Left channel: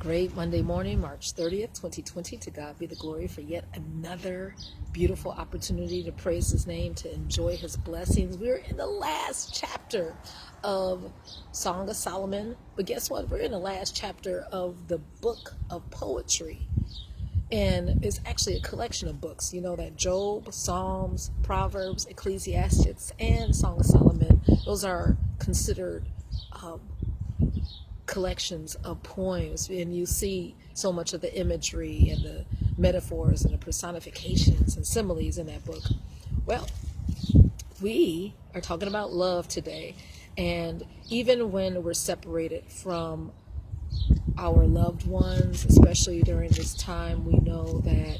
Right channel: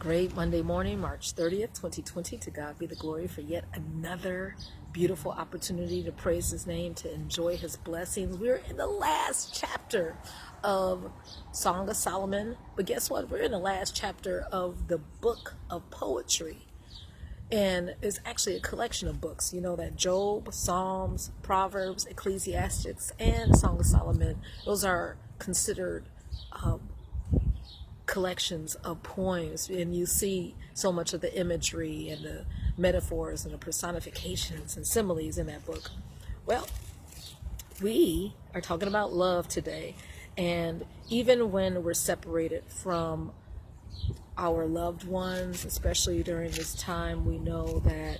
Great Monday morning, March 30th, 2020. To God be the glory for yet another beautiful opportunity to praise his name, to enjoy his blessings. We're in the last chapter of Song of Solomon, but guess what? We're in the last chapter of the book of poetry. And it's actually a collection of books. You know that Job, Psalms, Proverbs, Ecclesiastes, and Song of Solomon, those are considered collections of poems, and you see so much of the imagery and the metaphors and the personifications and similes in that book. Well, we are talking about love today, and even when we're separated from our loved ones, especially during this time, we know that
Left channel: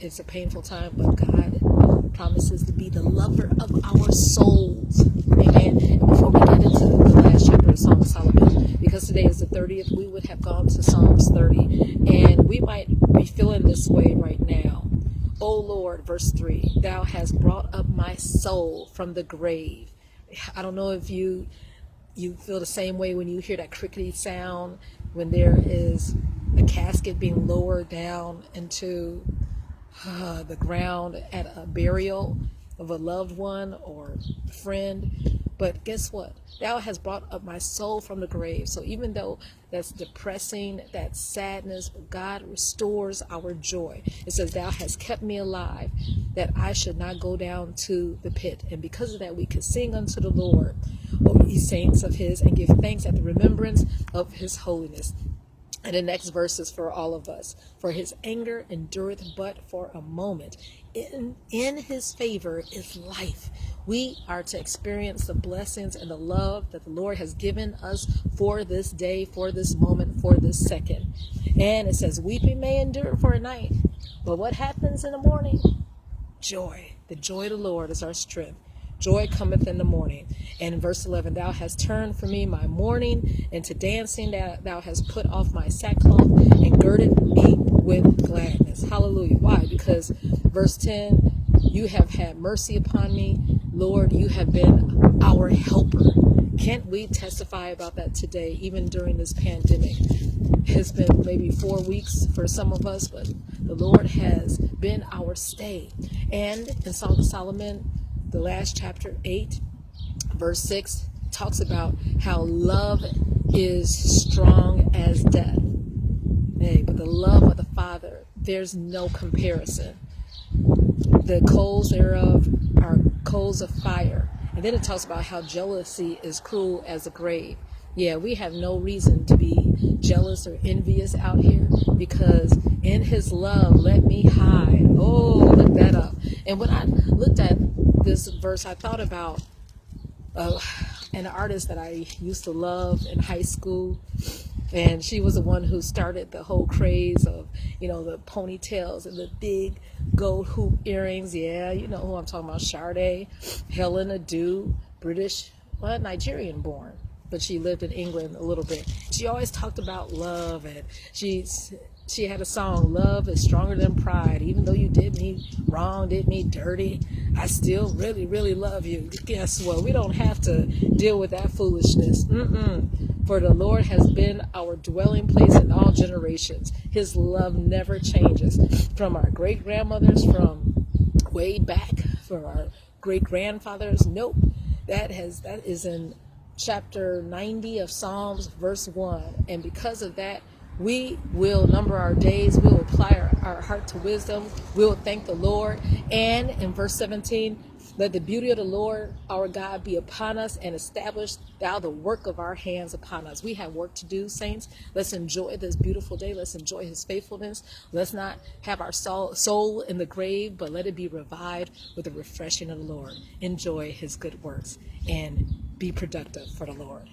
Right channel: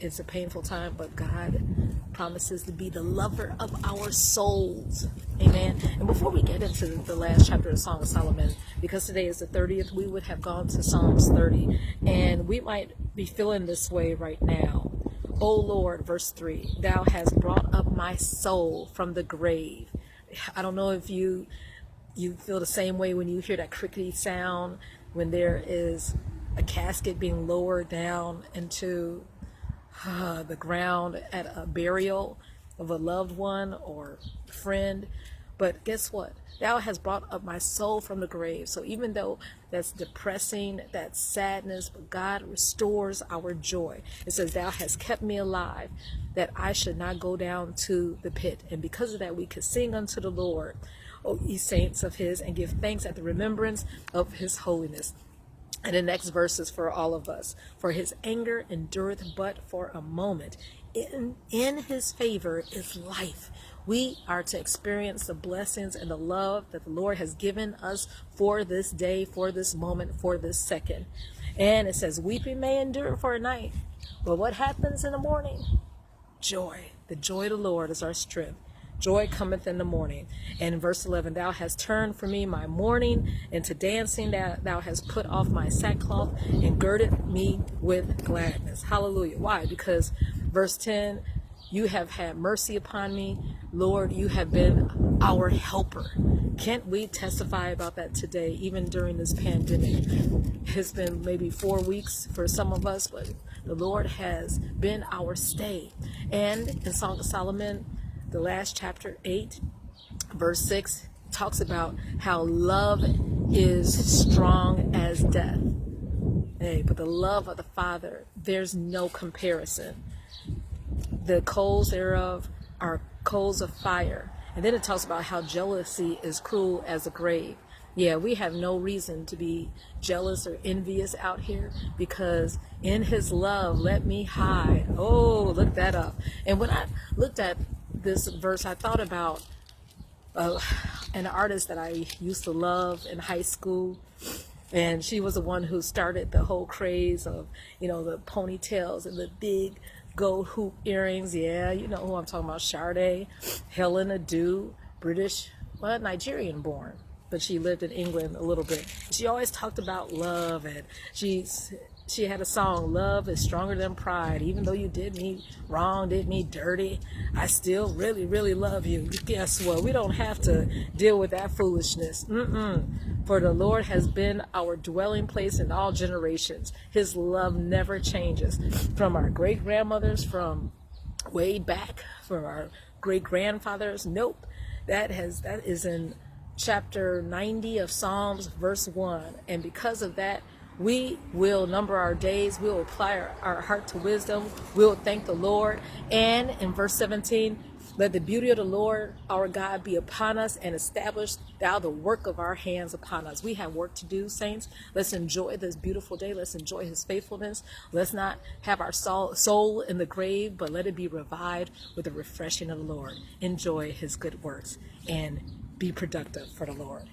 it's a painful time, but God promises to be the lover of our souls. Amen. And before we get into the last chapter of Song of Solomon, because today is the 30th, we would have gone to Psalms 30, and we might be feeling this way right now. O Lord, verse 3, thou hast brought up my soul from the grave. I don't know if you feel the same way when you hear that crickety sound, when there is a casket being lowered down into the ground at a burial of a loved one or friend. But guess what? Thou hast brought up my soul from the grave. So even though that's depressing, that's sadness, but God restores our joy. It says, thou hast kept me alive, that I should not go down to the pit. And because of that, we could sing unto the Lord, O ye saints of his, and give thanks at the remembrance of his holiness. And the next verse is for all of us. For his anger endureth but for a moment. In his favor is life. We are to experience the blessings and the love that the Lord has given us for this day, for this moment, for this second. And it says, weeping may endure for a night, but what happens in the morning? Joy. The joy of the Lord is our strength. Joy cometh in the morning. And in verse 11, thou hast turned for me my mourning into dancing. Thou hast put off my sackcloth and girded me with gladness. Hallelujah. Why? Because verse 10, you have had mercy upon me. Lord, you have been our helper. Can't we testify about that today, even during this pandemic? It's been maybe 4 weeks for some of us, but the Lord has been our stay. And in Song of Solomon, the last chapter 8, verse 6 talks about how love is strong as death. Hey, but the love of the Father, there's no comparison. The coals thereof are coals of fire. And then it talks about how jealousy is cruel as the grave. Yeah, we have no reason to be jealous or envious out here, because in his love, let me hide. Oh, look that up. And when I looked at this verse, I thought about an artist that I used to love in high school. And she was the one who started the whole craze of, the ponytails and the big gold hoop earrings. Yeah, you know who I'm talking about. Sade, Helen Adu, British, Nigerian born, but she lived in England a little bit. She always talked about love, and she had a song, love is stronger than pride. Even though you did me wrong, did me dirty, I still really, really love you. Guess what? We don't have to deal with that foolishness. For the Lord has been our dwelling place in all generations. His love never changes. From our great-grandmothers, from way back, from our great-grandfathers. Nope. That is in chapter 90 of Psalms, verse 1. And because of that, we will number our days. We will apply our heart to wisdom. We will thank the Lord. And in verse 17, let the beauty of the Lord our God be upon us, and establish thou the work of our hands upon us. We have work to do, saints. Let's enjoy this beautiful day. Let's enjoy his faithfulness. Let's not have our soul in the grave, but let it be revived with the refreshing of the Lord. Enjoy his good works and be productive for the Lord.